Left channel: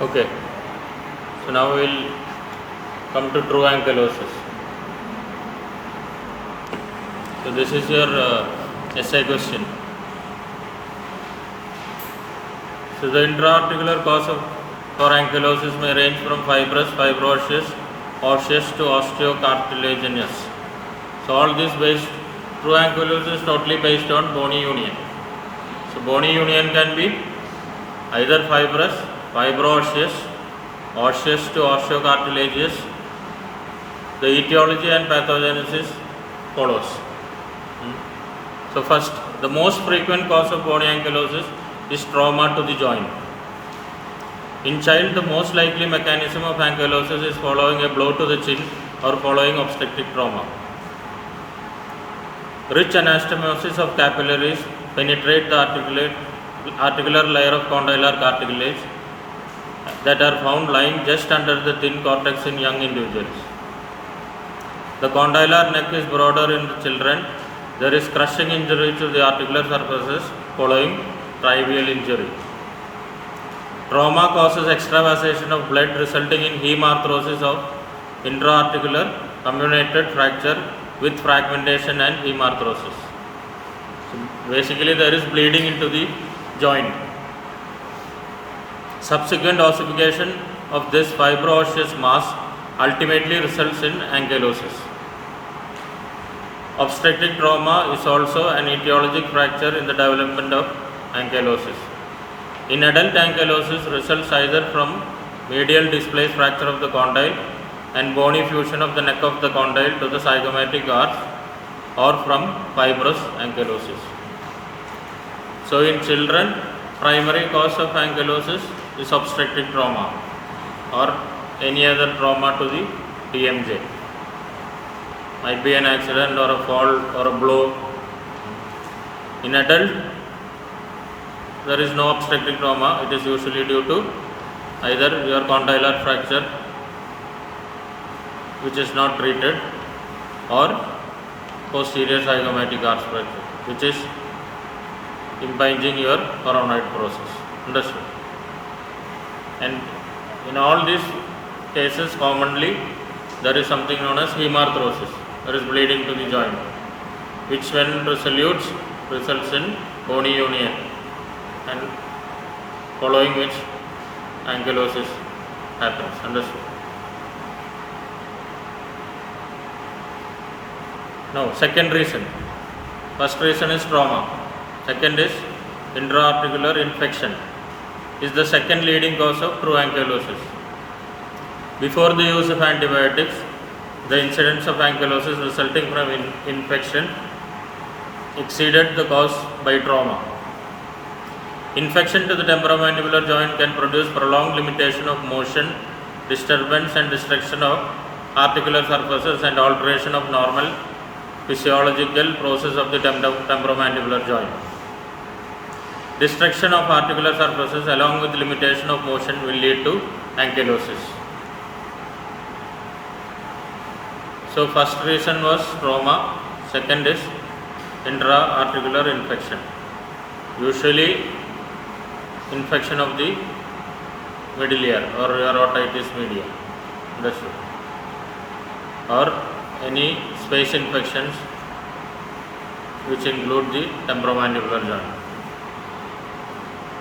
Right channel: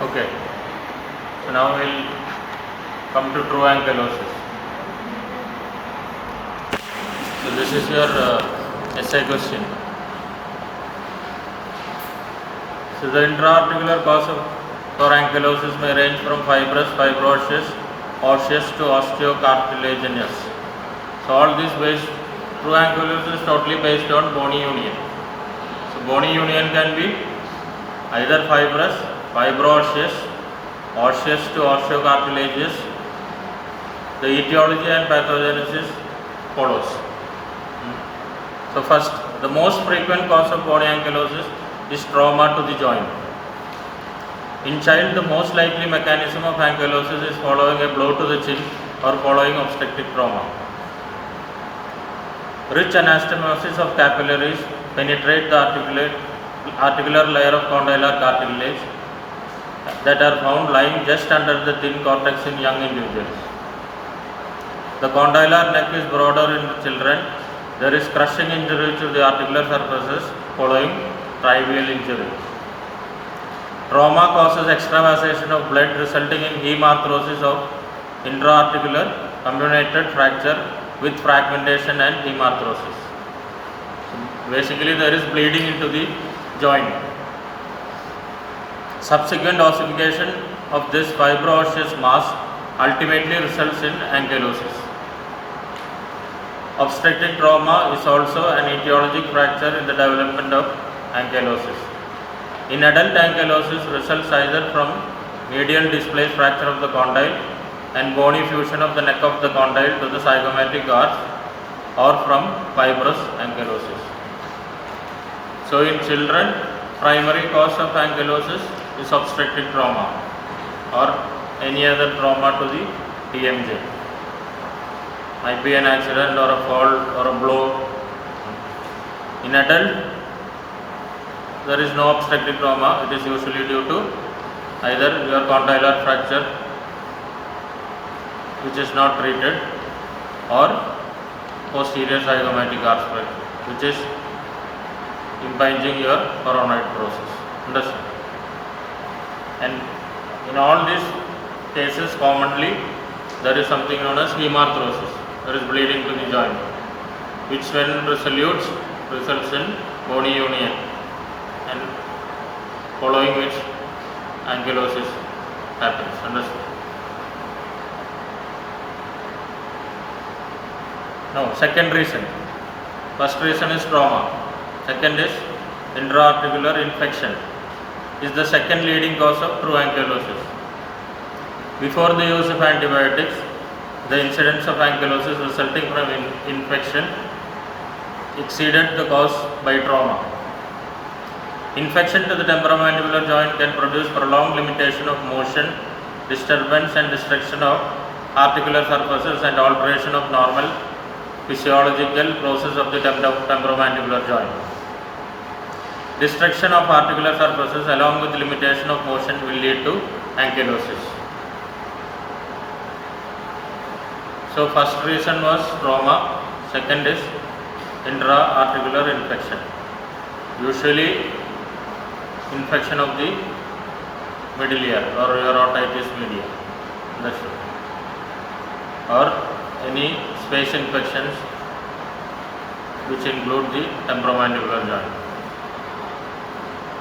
Okay, so now we'll come to true ankylosis. So this is your essay question. So the intra-articular cause for ankylosis may range from fibrous, fibroosseous, osseous to osteocartilaginous. So all this true ankylosis is totally based on bony union. So bony union can be either fibrous, fibroosseous, osseous to osteocartilaginous. The etiology and pathogenesis follows. So first, the most frequent cause of bony ankylosis is trauma to the joint. In child, the most likely mechanism of ankylosis is following a blow to the chin or following obstetric trauma. Rich anastomosis of capillaries penetrate the articular layer of condylar cartilage that are found lying just under the thin cortex in young individuals. The condylar neck is broader in the children. There is crushing injury to the articular surfaces following trivial injury. Trauma causes extravasation of blood resulting in hemarthrosis of intra-articular comminuted fracture with fragmentation and hemarthrosis. So basically there is bleeding into the joint. Subsequent ossification of this fibroosseous mass ultimately results in ankylosis. Obstetric trauma is also an etiologic fracture in the development of ankylosis. In adult, ankylosis results either from medial displaced fracture of the condyle and bony fusion of the neck of the condyle to the zygomatic arch, or from fibrous ankylosis. So in children, primary cause of ankylosis is obstetric trauma or any other trauma to the TMJ. Might be an accident or a fall or a blow. In adult, there is no obstetric trauma. It is usually due to either your condylar fracture which is not treated, or posterior zygomatic arch fracture which is impinging your coronoid process. Understood? And in all these cases, commonly there is something known as hemarthrosis. There is bleeding to the joint, which when resolutes results in bony union, and following which ankylosis happens. Understood? Now, second reason. First reason is trauma. Second is intra-articular infection. Is the second leading cause of true ankylosis. Before the use of antibiotics, the incidence of ankylosis resulting from infection exceeded the cause by trauma. Infection to the temporomandibular joint can produce prolonged limitation of motion, disturbance and destruction of articular surfaces, and alteration of normal physiological process of the temporomandibular joint. Destruction of articular surfaces along with limitation of motion will lead to ankylosis. So first reason was trauma, second is intra-articular infection. Usually infection of the middle ear or your otitis media. Understood? Or any space infections which include the temporomandibular joint.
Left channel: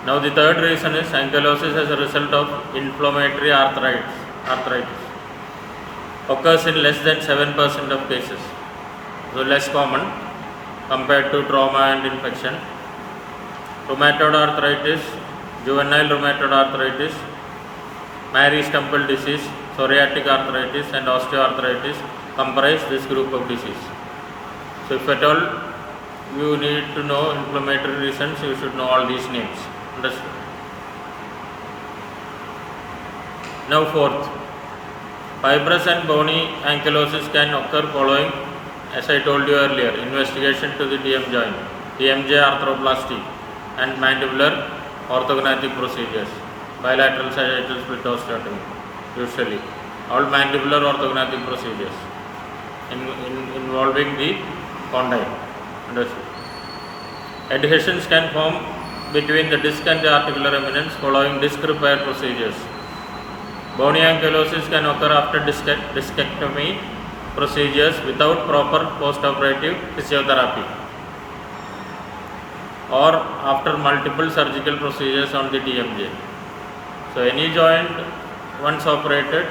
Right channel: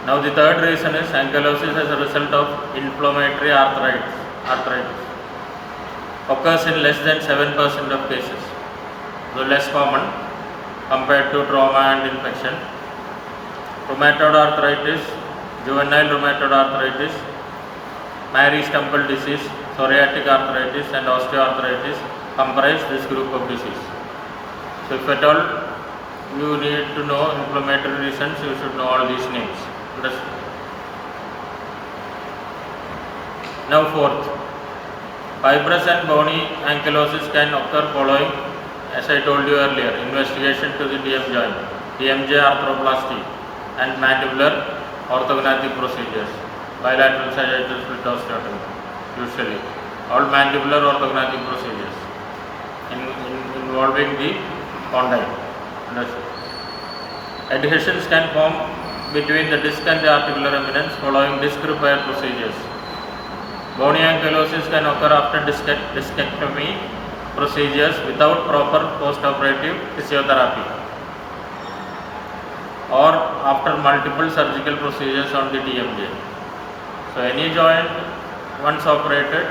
Now the third reason is ankylosis as a result of inflammatory arthritis. Occurs in less than 7% of cases, so less common compared to trauma and infection. Rheumatoid arthritis, juvenile rheumatoid arthritis, Marie-Stempel disease, psoriatic arthritis and osteoarthritis comprise this group of disease. So if at all you need to know inflammatory reasons, you should know all these names. Understood? Now fourth. Fibrous and bony ankylosis can occur following, as I told you earlier, investigation to the DM joint, TMJ arthroplasty and mandibular orthognathic procedures, bilateral sagittal split osteotomy, usually. All mandibular orthognathic procedures involving the condyle. Understood? Adhesions can form between the disc and the articular eminence following disc repair procedures Bony ankylosis can occur after discectomy procedures without proper post-operative physiotherapy or after multiple surgical procedures on the TMJ. So any joint once operated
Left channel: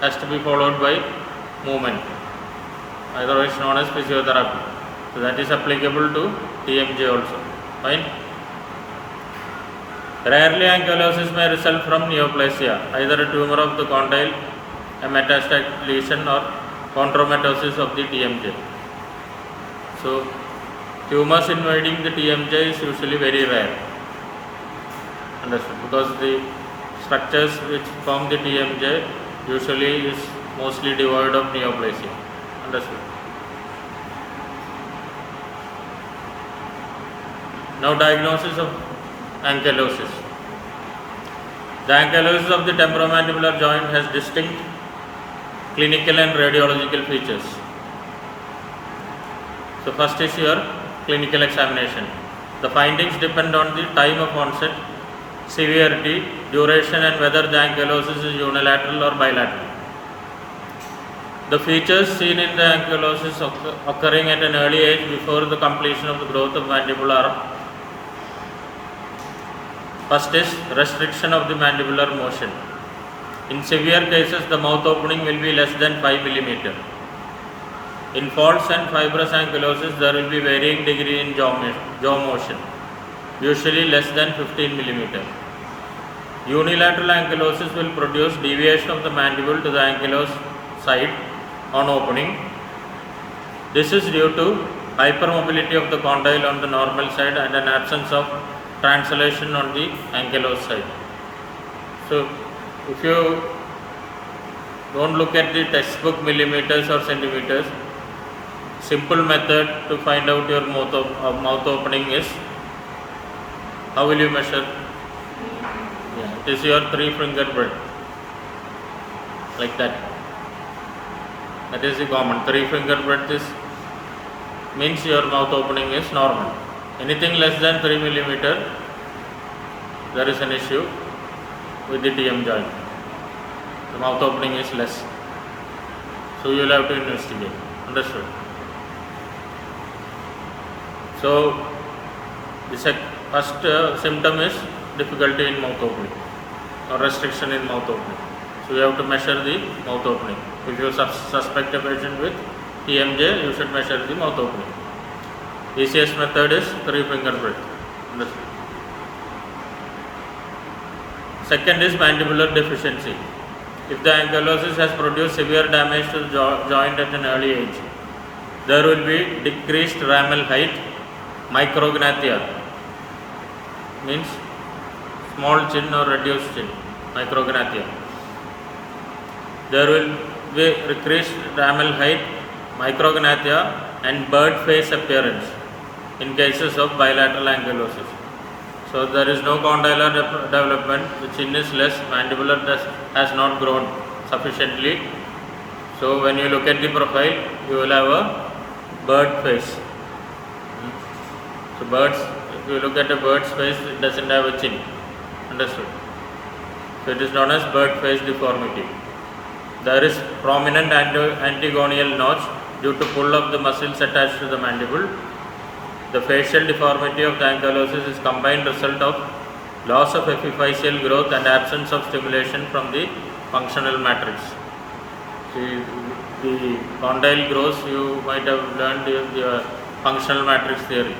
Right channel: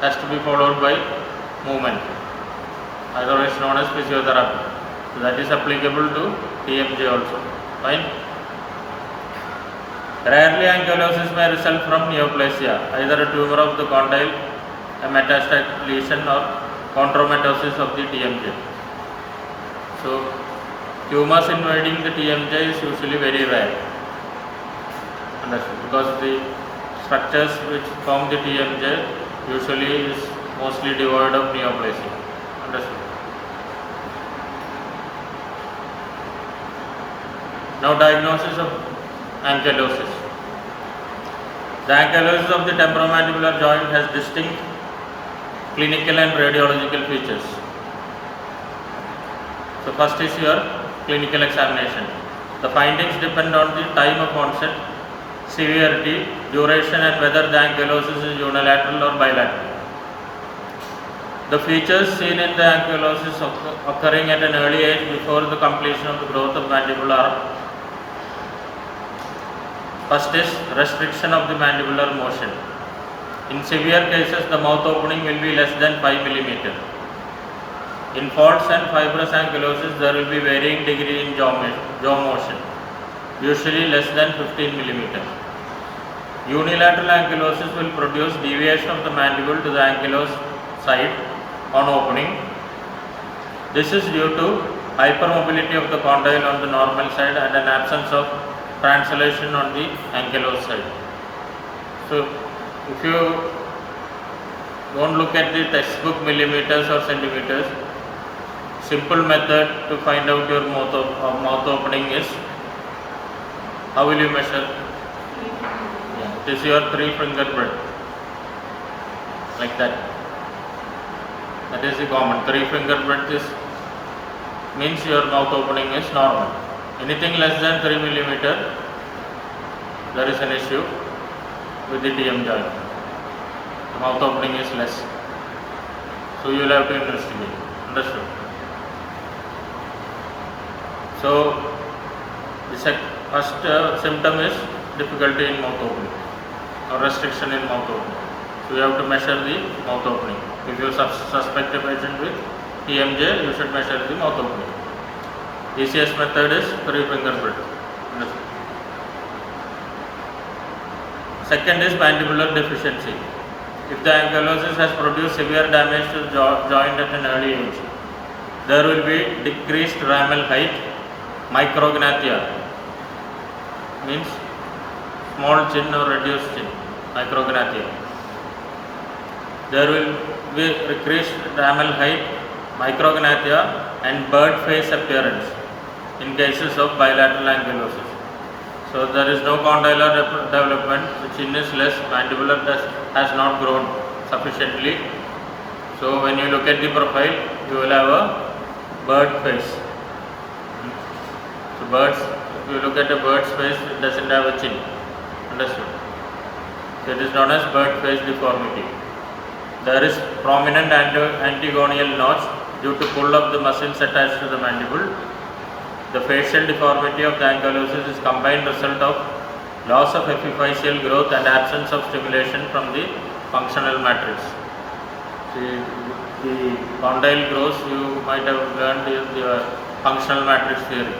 has to be followed by movement, otherwise known as physiotherapy. So that is applicable to TMJ also. Fine. Rarely ankylosis may result from neoplasia, either a tumor of the condyle, a metastatic lesion or chondromatosis of the TMJ. So tumors invading the TMJ is usually very rare. Understood? Because the structures which form the TMJ usually is mostly devoid of neoplasia. Understood? Now diagnosis of ankylosis. The ankylosis of the temporomandibular joint has distinct clinical and radiological features. So first is your clinical examination. The findings depend on the time of onset, severity, duration and whether the ankylosis is unilateral or bilateral. The features seen in the ankylosis occurring at an early age before the completion of the growth of mandible are: first is restriction of the mandibular motion. In severe cases, the mouth opening will be less than 5 mm. In false and fibrous ankylosis, there will be varying degree in jaw motion, usually less than 15 mm. Unilateral ankylosis will produce deviation of the mandible to the ankylosed side on opening. This is due to hypermobility of the condyle on the normal side and an absence of translation on the ankylosed side. So, if you don't look at the textbook millimeters or centimeters, simple method to find out your mouth opening is, how will you measure? Yeah, it is your 3-finger breadth, like that. That is the common. 3-finger breadth means your mouth opening is normal. Anything less than 3 mm, there is an issue with the TM joint. The mouth opening is less. So you will have to investigate. Understood? So the first symptom is difficulty in mouth opening or restriction in mouth opening. So you have to measure the mouth opening. If you suspect a patient with TMJ, you should measure the mouth opening. Easiest method is 3-finger breadth. Understood? Second is mandibular deficiency. If the ankylosis has produced severe damage to the joint at an early age, there will be decreased ramal height, micrognathia, means small chin or reduced chin, micrognathia. There will be decreased ramal height, micrognathia and bird face appearance in cases of bilateral ankylosis. So there is no condylar development, the chin is less, mandibular has not grown sufficiently. So when you look at the profile, you will have a bird face. So if you look at a bird's face, it doesn't have a chin. Understood? So it is known as bird face deformity. There is prominent antigonial notch due to pull of the muscles attached to the mandible. The facial deformity of the ankylosis is combined result of loss of epiphyseal growth and absence of stimulation from the functional matrix. The condyle grows, you might have learned the functional matrix theory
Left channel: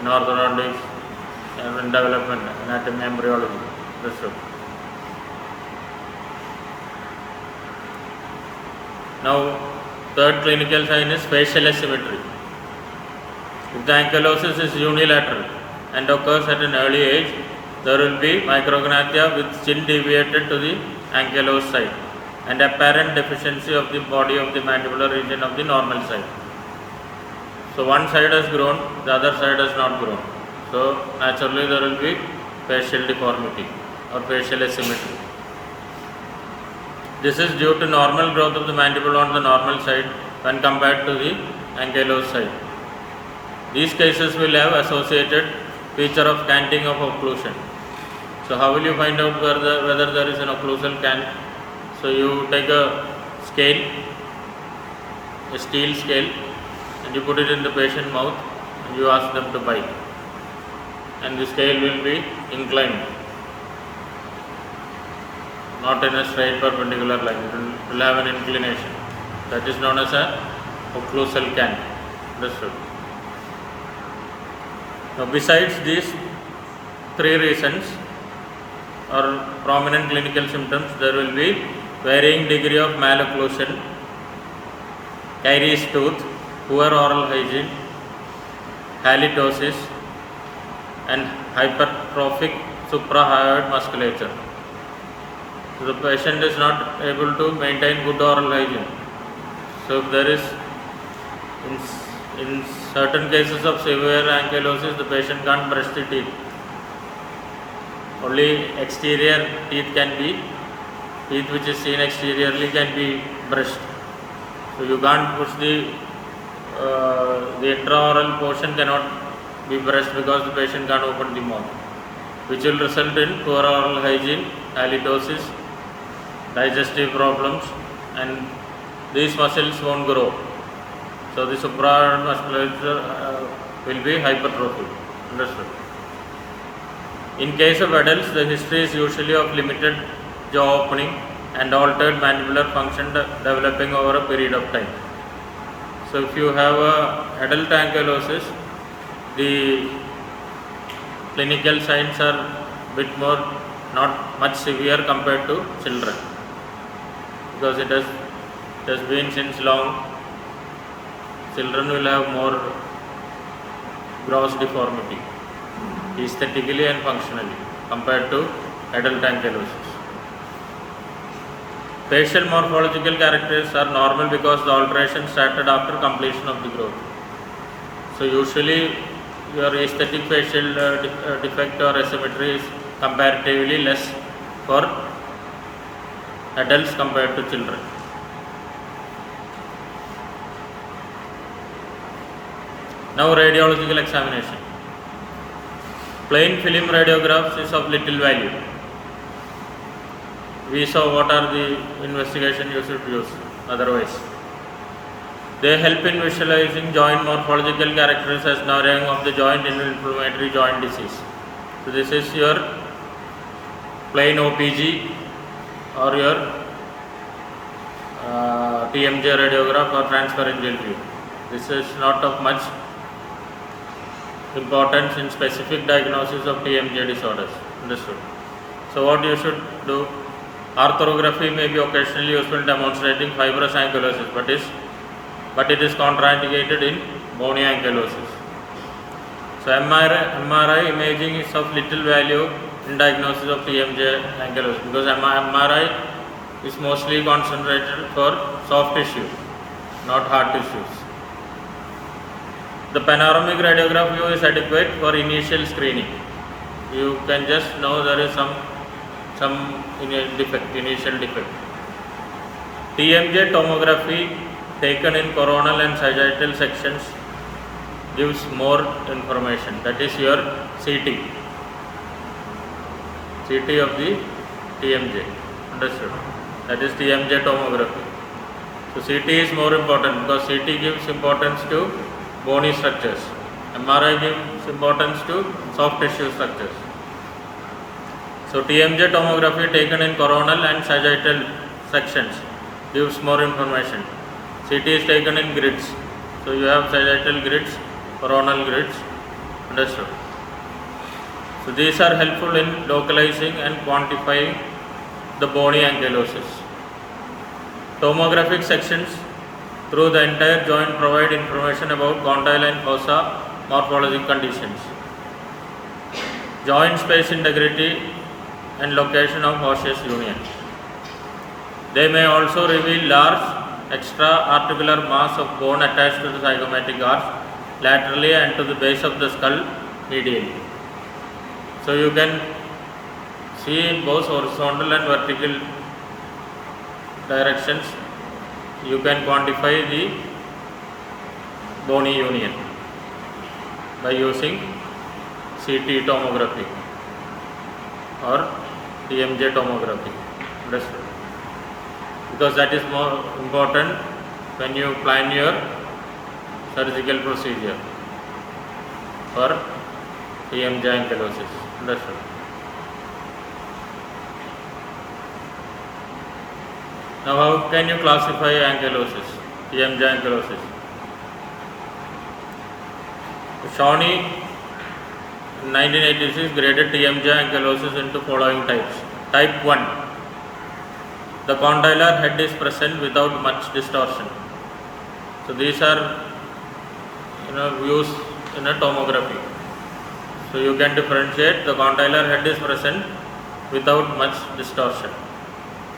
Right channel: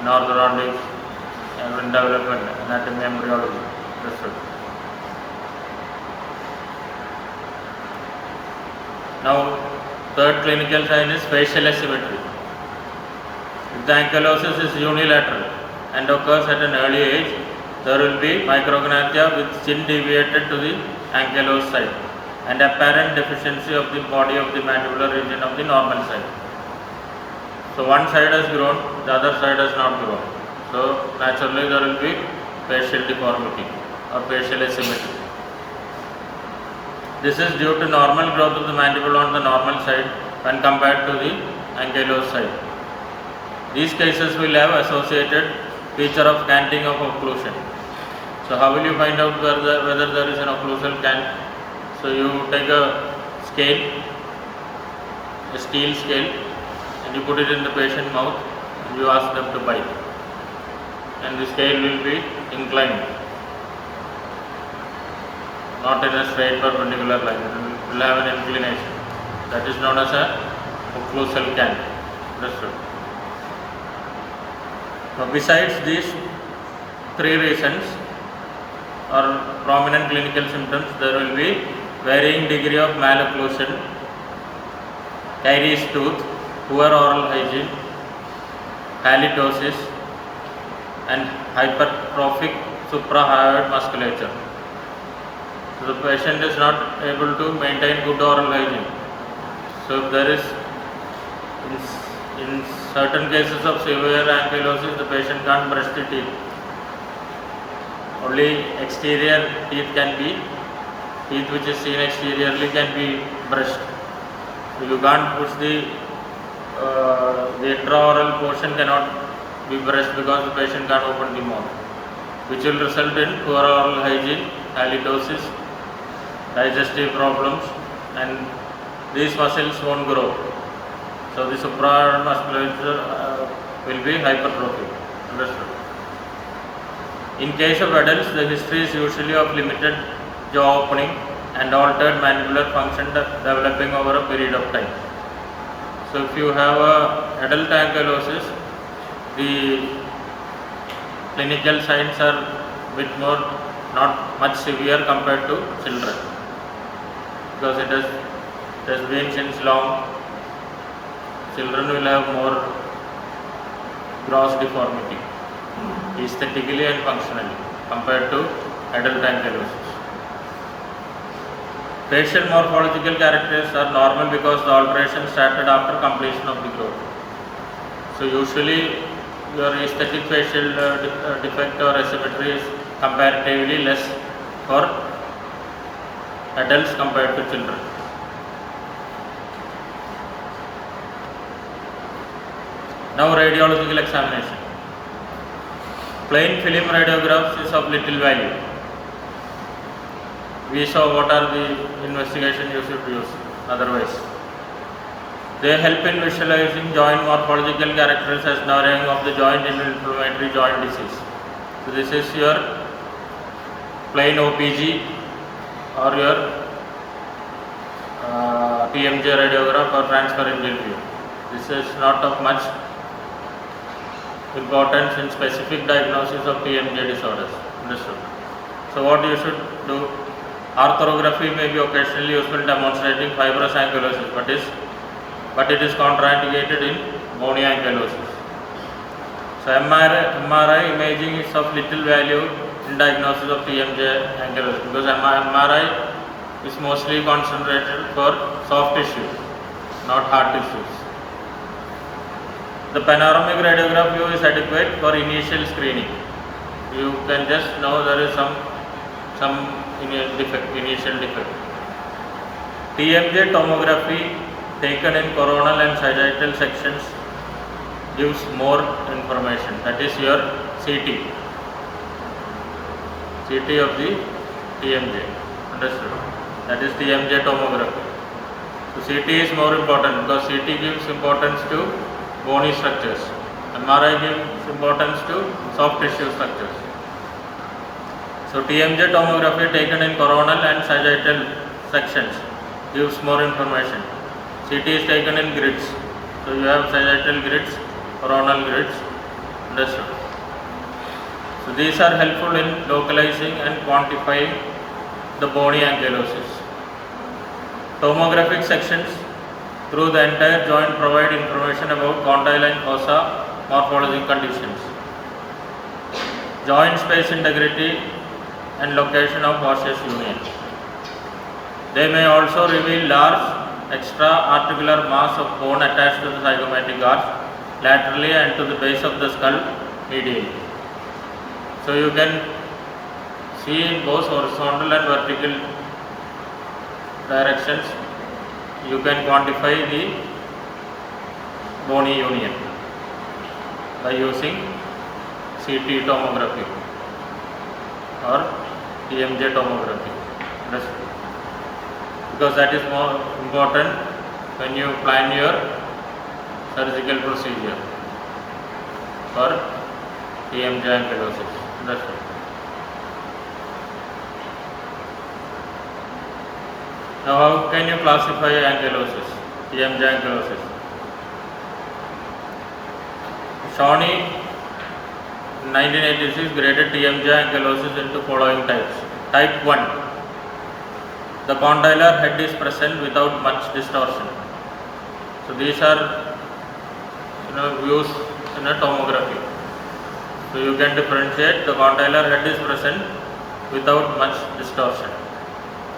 in orthodontics and in development, anatomy, embryology. That's it. Now, third clinical sign is facial asymmetry. If the ankylosis is unilateral and occurs at an early age, there will be micrognathia with chin deviated to the ankylosed side and apparent deficiency of the body of the mandibular region of the normal side. So one side has grown, the other side has not grown. So naturally there will be facial deformity or facial asymmetry. This is due to normal growth of the mandible on the normal side when compared to the ankylosed side. These cases will have associated feature of canting of occlusion. So how will you find out whether there is an occlusal can? So you take a scale, a steel scale, and you put it in the patient's mouth and you ask them to bite. And the scale will be inclined, not in a straight perpendicular line. It will have an inclination. That is known as a occlusal can. Understood? Now, besides these three reasons or prominent clinical symptoms, there will be varying degree of malocclusion, caries tooth, poor oral hygiene, halitosis, and hypertrophic suprahyoid musculature. So the patient is not able to maintain good oral hygiene. So if there is, in certain cases of severe ankylosis, the patient can't brush the teeth. Only exterior teeth which is seen exteriorly can be brushed. So you can't push the intraoral portion cannot be brushed because the patient can't open the mouth, which will result in poor oral hygiene, halitosis, digestive problems, and these muscles won't grow. So the suprahyoid musculature will be hypertrophic. Understood? In case of adults, the history is usually of limited jaw opening and altered mandibular function developing over a period of time. So if you have adult ankylosis, the clinical signs are bit more, not much severe compared to children, because it has been since long. Children will have more gross deformity, aesthetically and functionally, compared to adult ankylosis. Facial morphological characteristics are normal because the alteration started after completion of the growth. So usually your aesthetic facial defect or asymmetry is comparatively less for adults compared to children. Now radiological examination. Plain film radiographs is of little value. We saw what are the investigation you should use otherwise. They help in visualizing joint morphological characters as narrowing of the joint in inflammatory joint disease. So this is your plain OPG or your TMJ radiograph or transpharyngeal view. This is not of much importance in specific diagnosis of TMJ disorders. Understood? So what you should do? Arthrography may be occasionally useful in demonstrating fibrous ankylosis, but it is contraindicated in bony ankylosis. So MRI imaging is of little value in diagnosis of TMJ ankylosis, because MRI is mostly concentrated for soft tissue, not hard tissues. The panoramic radiograph view is adequate for initial screening. You can just know there is some initial defect. TMJ tomography taken in coronal and sagittal sections gives more information. That is your CT of the TMJ. Understood? That is TMJ tomography. So CT is more important because CT gives importance to bony structures. MRI gives importance to soft tissue structures. So TMJ tomography taken in coronal and sagittal sections gives more information. CT is taken in grids. So you have sagittal grids, coronal grids. Understood? So these are helpful in localizing and quantifying the bony ankylosis. Tomographic sections through the entire joint provide information about condyle and fossa morphologic conditions, joint space integrity and location of osseous union. They may also reveal large extra-articular mass of bone attached to the zygomatic arch laterally and to the base of the skull medially. So you can see in both horizontal and vertical directions, you can quantify the bony union by using CT tomography. or TMJ tomography. Understood? Because that is more important when you plan your surgical procedure for TMJ ankylosis. Understood? Now, how can you classify ankylosis, TMJ ankylosis? Shawnee in 1986 graded TMJ ankylosis into following types. Type 1. The condylar head is present without much distortion. So these are views in a tomography. So you can differentiate the condylar head is present without much distortion.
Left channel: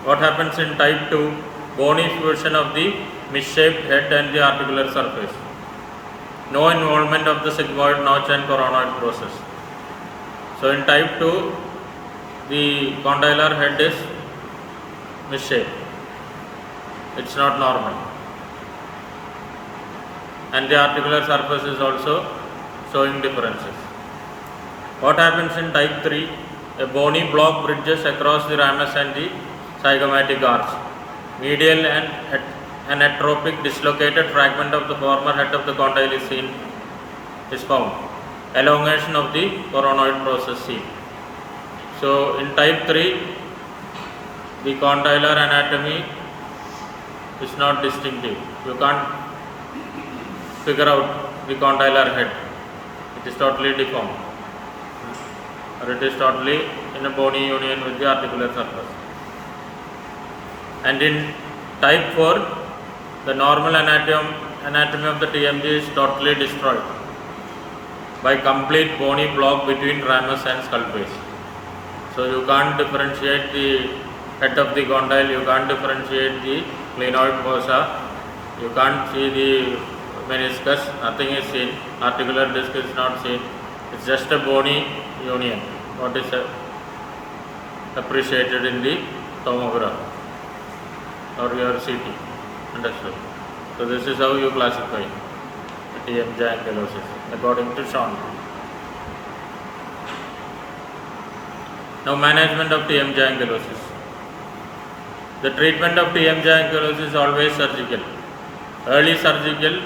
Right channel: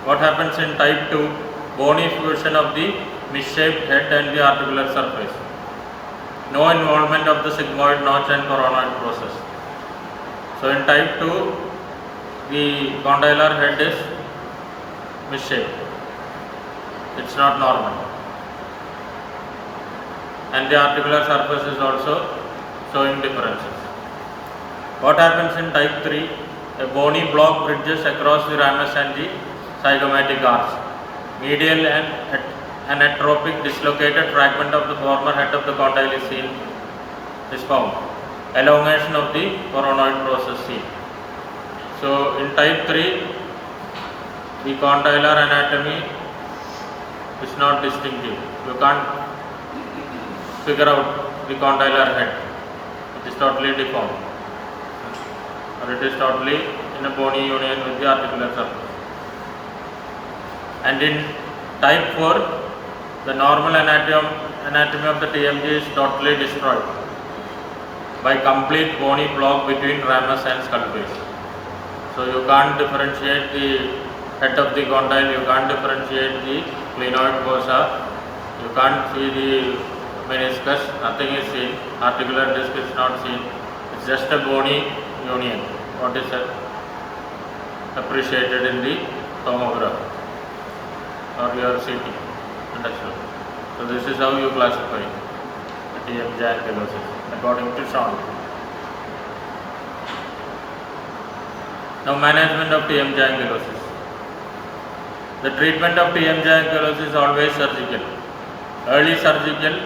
What happens in type 2? Bony fusion of the misshaped head and the articular surface. No involvement of the sigmoid notch and coronoid process. So in type 2, the condylar head is misshaped. It's not normal. And the articular surface is also showing differences. What happens in type 3? A bony block bridges across the ramus and the zygomatic arch. Medial and anatropic dislocated fragment of the former head of the condyle is found. Elongation of the coronoid process seen. So in type 3, the condylar anatomy is not distinctive. You can't figure out the condylar head. It is totally deformed, or it is totally in a bony union with the articular surface. And in type 4, the normal anatomy of the TMJ is totally destroyed by complete bony block between ramus and skull base. So you can't differentiate the head of the condyle, you can't differentiate the clinoid fossa, you can't see the meniscus, nothing is seen, articular disc is not seen, it's just a bony union, what is appreciated in the tomograph or your CT. Understood? So this is how you classify the TMJ ankylosis according to Shawnee. Now, management of TMJ ankylosis. The treatment of TMJ ankylosis is always surgical. Early surgical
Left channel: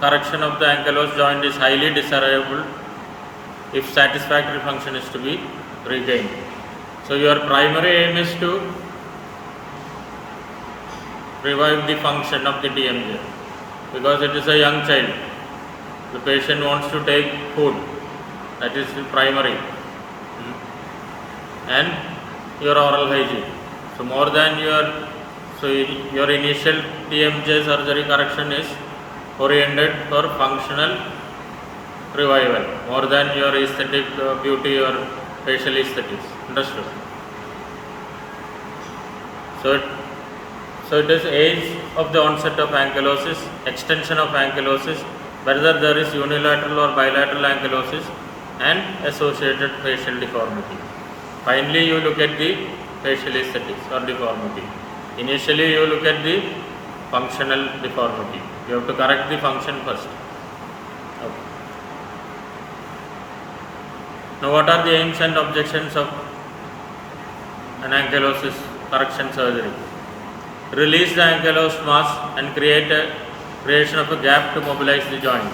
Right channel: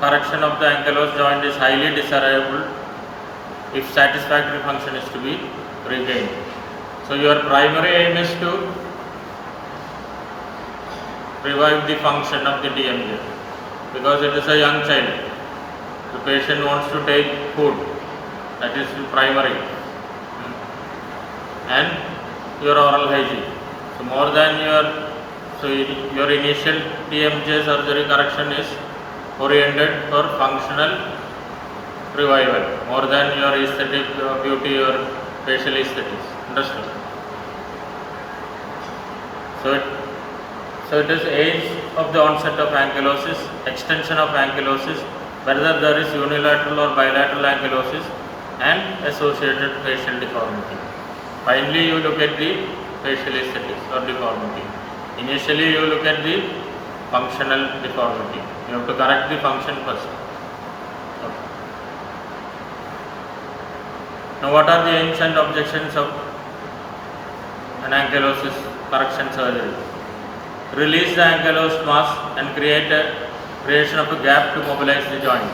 correction of the ankylosed joint is highly desirable if satisfactory function is to be regained. So your primary aim is to revive the function of the TMJ, because it is a young child. The patient wants to take food, that is the primary, and your oral hygiene. So more than your initial TMJ surgery correction is oriented for functional revival more than your aesthetic beauty or facial aesthetics. Understood? So it is age of the onset of ankylosis, extension of ankylosis, whether there is unilateral or bilateral ankylosis, and associated facial deformity. Finally, you look at the facial aesthetics or deformity. Initially, you look at the functional deformity. You have to correct the function first. Okay. Now, what are the aims and objections of an ankylosis correction surgery? Release the ankylosed mass and creation of a gap to mobilize the joint.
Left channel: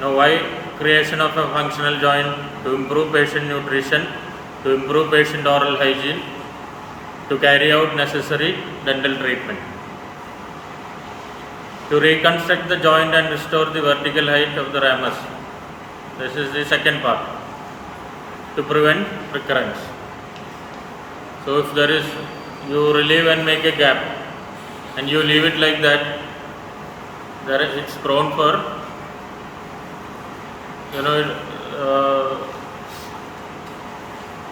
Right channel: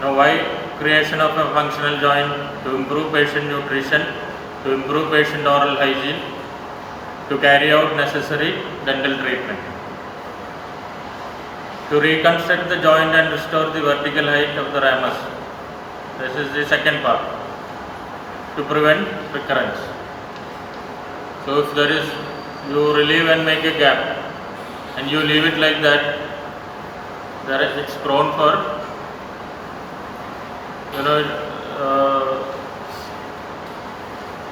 Now, why creation of a functional joint? To improve patient nutrition, to improve patient oral hygiene, to carry out necessary dental treatment. To reconstruct the joint and restore the vertical height of the ramus. This is the second part. To prevent recurrence. So if there is, you relieve and make a gap and you leave it like that, it's prone for,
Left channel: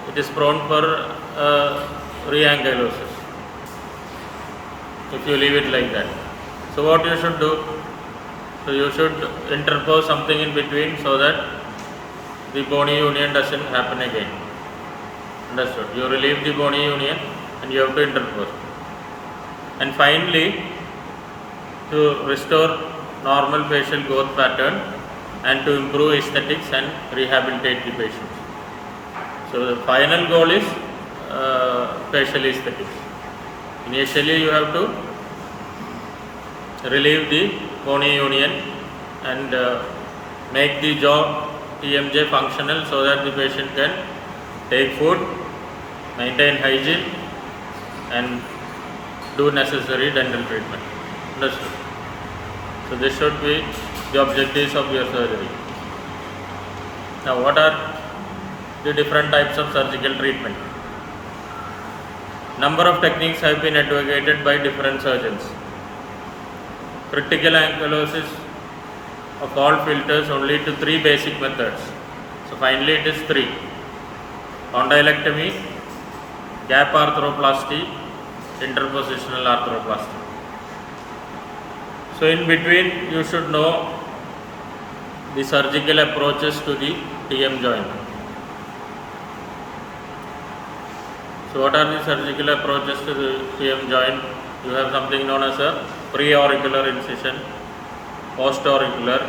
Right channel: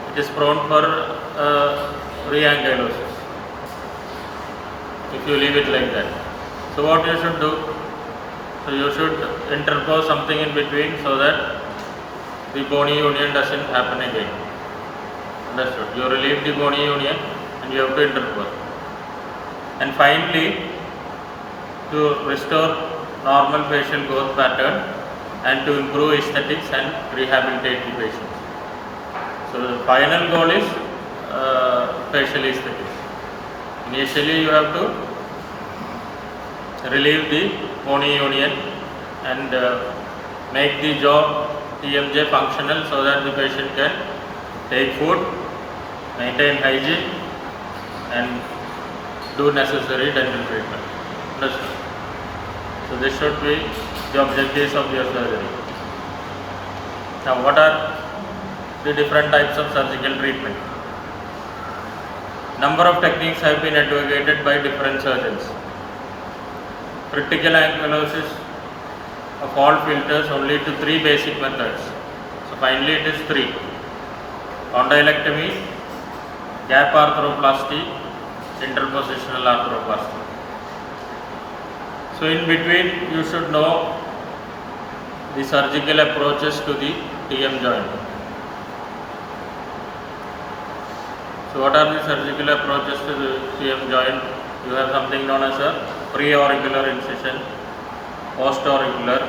it is prone for re-ankylosis if you leave it like that. So what you should do? So you should interpose something in between so that the bony union doesn't happen again. Understood? You relieve the bony union and you have to interpose. And finally, to restore normal facial growth pattern and to improve aesthetics and rehabilitate the patient. So the final goal is facial aesthetics. Initially you have to relieve the bony union and make the jaw TMJ functional so that the patient can take food, maintain hygiene and do necessary dental treatment. Understood? So this should be the objectives of your surgery. Now what are the different types of surgical treatment? Number of techniques have been advocated by different surgeons. Critical ankylosis of all filters only to 3 basic methods. So finally it is 3. Condylectomy, gap arthroplasty, interpositional arthroplasty. So in between you should know the surgical approaches to the TM joint. So what are the surgical approaches to the TM joint? You have something known as a pre-auricular incision, post-auricular.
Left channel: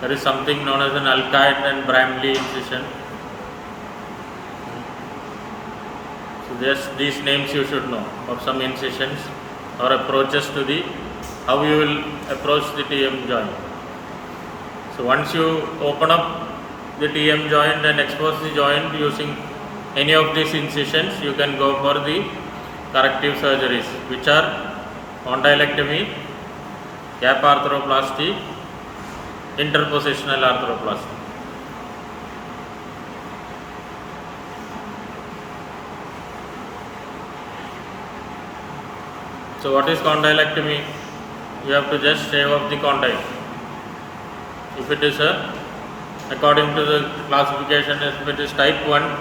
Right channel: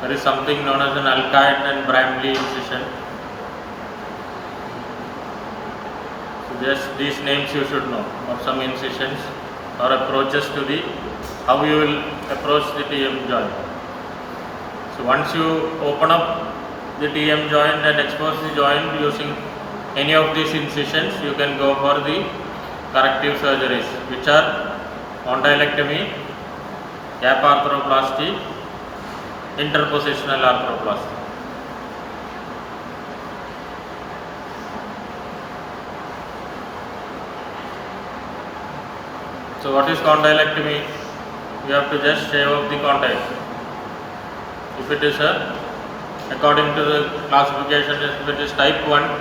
There is something known as an Alkite and Bramley incision. So just these names you should know of some incisions or approaches to the how you will approach the TM joint. So once you open up the TM joint and expose the joint using any of these incisions, you can go for the corrective surgeries, which are condylectomy, gap arthroplasty, interpositional arthroplasty. So what is condylectomy? You have to just shave off the condyle. If it is according to the classification, if it is type 1,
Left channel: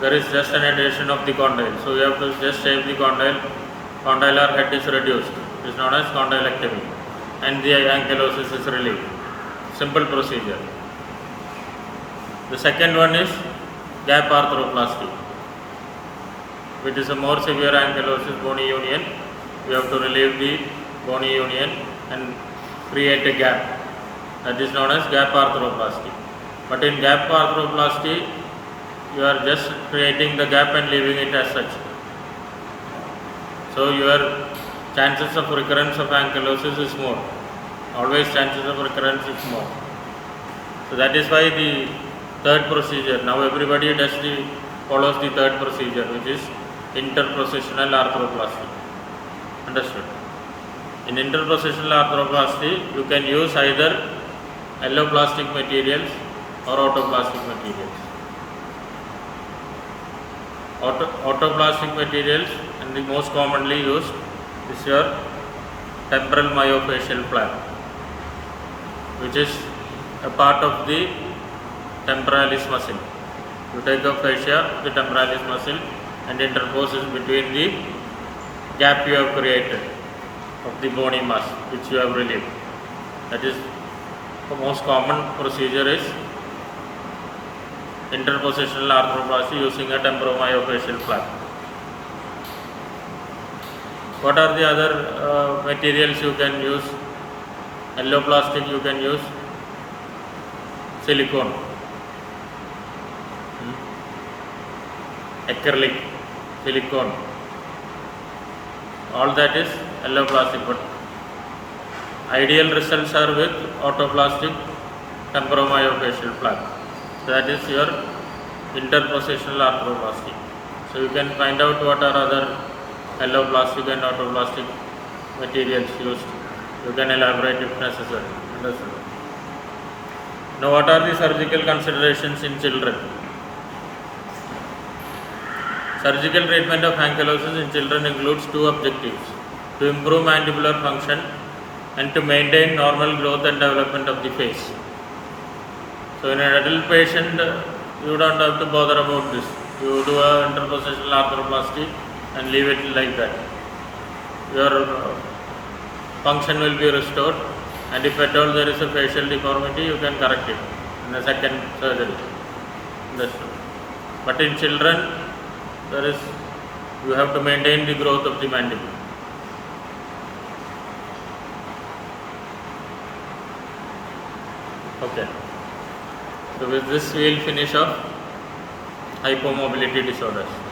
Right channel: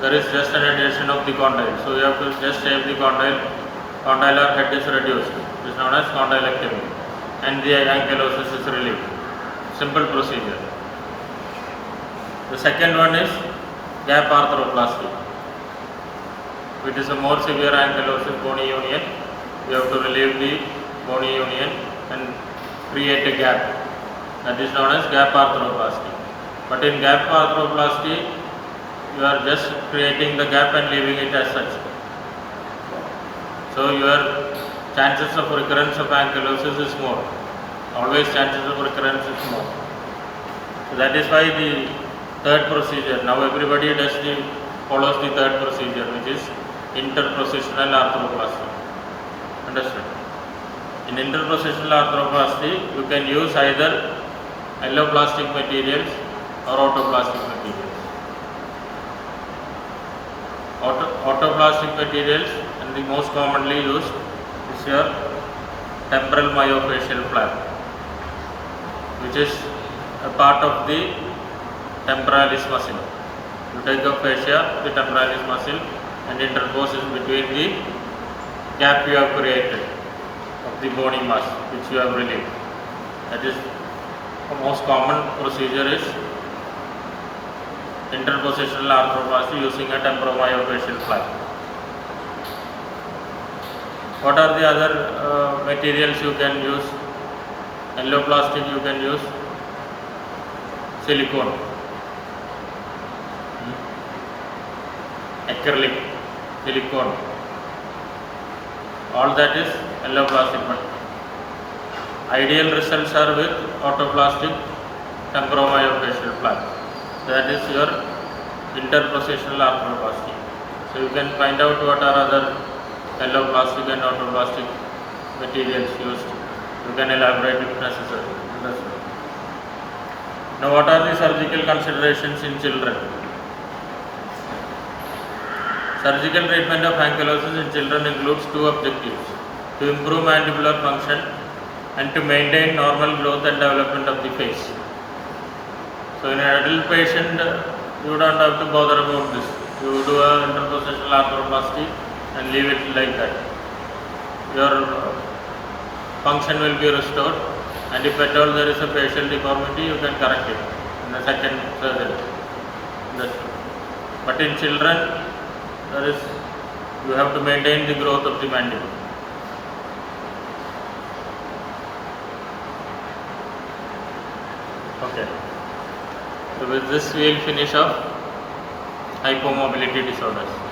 there is just an adhesion of the condyle. So you have to just shave the condyle. Condylar head is reduced. It is known as condylectomy. And the ankylosis is relieved. Simple procedure. The second one is gap arthroplasty, which is a more severe ankylosis, bony union. You have to relieve the bony union and create a gap. That is known as gap arthroplasty. But in gap arthroplasty, you are just creating the gap and leaving it as such. So your chances of recurrence of ankylosis is more. Always chances of recurrence is more. So that is why the third procedure, now everybody follows the third procedure, which is interpositional arthroplasty. Understood? In interpositional arthroplasty, you can use either alloplastic materials or autoplastic materials. Autoplastic materials and the most commonly used is your temporal myofascial flap, which is a part of the temporalis muscle. You take a fascia, the temporalis muscle, and interposes between the gap you have created of the bony mass which you have relieved. That is the most common procedure is interpositional arthroplasty using a temporomyofascial flap. What are the other materials you can use? Alloplastic you can use silicone, acrylic, silicone. All that is alloplastic, but ideal results are with autoplastic temporomyofascial flap. That is your interpositional arthroplasty. So you can find out what are other alloplastic and autoplastic materials used. You can elaborate if necessary. Understood? Now what are the surgical considerations in children? Surgical treatment of ankylosis in children includes 2 objectives: to improve mandibular function and to maintain normal growth and development of the face. So in an adult patient, you don't have to bother about this. You do a interpositional arthroplasty and leave it like that. Your function will be restored, and if at all there is a facial deformity, you can correct it in the second surgery. But in children, you have to maintain the growth of the mandible. Okay. So with this we will finish off. hypomobility disorders.